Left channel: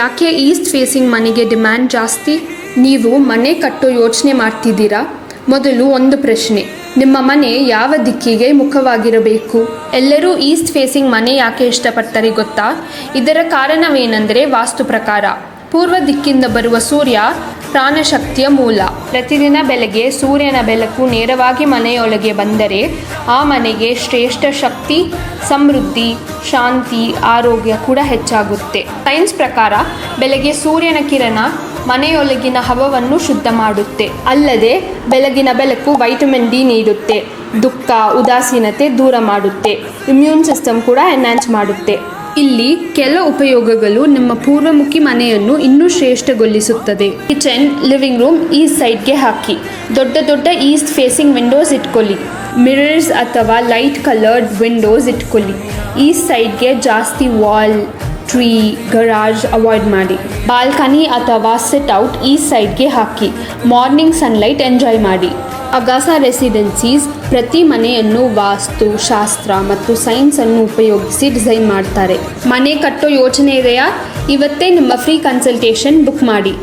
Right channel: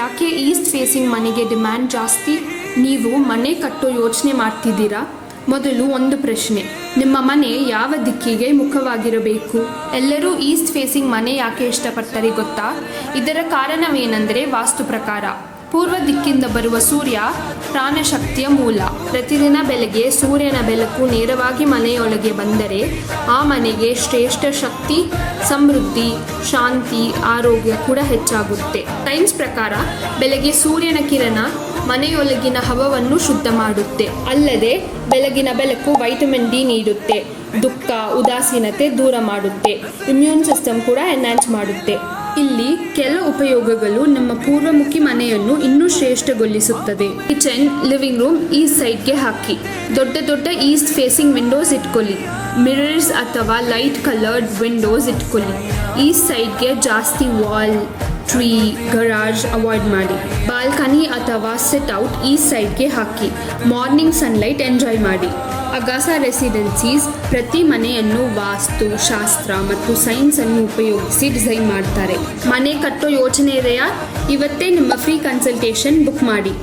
ಯಾಕೆ East facing ಮನೆಗೆ demand ಜಾಸ್ತಿ? ನೀವು ಮನೆ ಕಟ್ಟೋ ಯೋಚನೆ ಮಾಡ್ತಿದ್ದೀರಾ? ಮೊದಲು ಒಂದು ಪ್ರಶ್ನೆ, ನಿಮ್ಮ ಮನೆ ಯಾವ ದಿಕ್ಕಿಗೆ ಮುಖವಾಗಿರಬೇಕು? ಎಲ್ಲರೂ ಈಸ್ಟ್ ಫೇಸಿಂಗ್ ಮನೆ ಯಾಕೆ ಇಷ್ಟಪಡ್ತಾರೆ ಗೊತ್ತಾ? ಇದರ ಕಾರಣವೇನೆಂದರೆ ವಾಸ್ತು ಪ್ರಕಾರ ಪೂರ್ವ ದಿಕ್ಕಿಂದ ಬರುವ ಸೂರ್ಯ ಪ್ರಾಣಶಕ್ತಿಯ ಮೂಲ. ಪ್ರತಿದಿನ ಬೆಳಗ್ಗೆ ಸೂರ್ಯನ ಬೆಳಕು ನೇರವಾಗಿ ಮನೆಯೊಳಗೆ ಬಂದರೆ ಆ ಮನೆಗೆ ಶ್ರೇಷ್ಠ ಶಕ್ತಿ, ಸಮೃದ್ಧಿ, ಶಾಂತಿ, ಆರೋಗ್ಯ ಕೂಡ ಹೆಚ್ಚಾಗುತ್ತೆ. ಸೈನ್ಸ್ ಪ್ರಕಾರ ಬೆಳಗ್ಗೆ ಸೂರ್ಯನ ಕಿರಣ ಮನೆಯೊಳಗಿನ ಹವವನ್ನು ಶುದ್ಧ ಮಾಡುತ್ತೆ. ಅಲ್ಲದೆ ಬೆಳಗಿನ ಬೆಳಕು ವೈಟಮಿನ್ ಡಿ ನೀಡುತ್ತೆ, ದುಃಖ, ಉದಾಸೀನತೆ ದೂರ ಮಾಡುತ್ತೆ, ಇಮ್ಯೂನ್ ಸಿಸ್ಟಮ್ ಕೂಡ ಎನ್ಹಾನ್ಸ್ ಮಾಡುತ್ತೆ. ಇಲ್ಲಿ ಕೆಲ ಉಪಯೋಗಗಳು ನಿಮ್ಮ ಪೂರ್ವಮುಖಿ ಮನೆಯನ್ನು ಇನ್ನೂ ಶ್ರೇಷ್ಠಗೊಳಿಸುತ್ತದೆ. ಕಿಚನ್, ಲಿವಿಂಗ್ ರೂಮ್ ಈಸ್ಟ್ ಸೈಡ್ಗೆ ಹಾಕಿ. ದೊಡ್ಡ ದೊಡ್ಡ ಈಸ್ಟ್ ಫೇಸಿಂಗ್ ವಿಂಡೋಸ್ ಇಟ್ಕೊಳ್ಳಿ. ಮಿರರ್ಸ್ ಅಥವಾ ಲೈಟ್ ಕಲರ್ಡ್ ವಿಂಡೋಸ್ ಇಟ್ಕೊಳ್ಳಿ. ಈಸ್ಟ್ ಸೈಡ್ಗೆ ಜಾಸ್ತಿ ವಾಲ್, ಟ್ರೀ, ಗರಾಜ್ ಅವಾಯ್ಡ್ ಮಾಡಿ. ಬಾಲ್ಕನಿ ಅಥವಾ ಸಿಟ್ ಔಟ್ ಈಸ್ಟ್ ಸೈಡ್ಗೆ ಹಾಕಿ. ಮಾರ್ನಿಂಗ್ ಸನ್ಲೈಟ್ ಎಂಜಾಯ್ ಮಾಡಿ. ಅಗಾಸಾ ರೆಸಿಡೆನ್ಸೀಸ್ ಪ್ರತಿ ಮನೆಯನ್ನು ವಾಸ್ತು, ಶಾಸ್ತ್ರ ಮತ್ತು ಸೈನ್ಸ್ ಅನ್ನು ಉಪಯೋಗಿಸಿ ಡಿಸೈನ್ ಮಾಡ್ತಾರೆ. ಮನೆ ಕಟ್ಟೋ ಯೋಚನೆ ಇದೆಯಾ? ಇವತ್ತೇ ನಿಮ್ಮ ಫ್ರೀ ಕನ್ಸಲ್ಟೇಷನ್ ಬುಕ್ ಮಾಡಿ.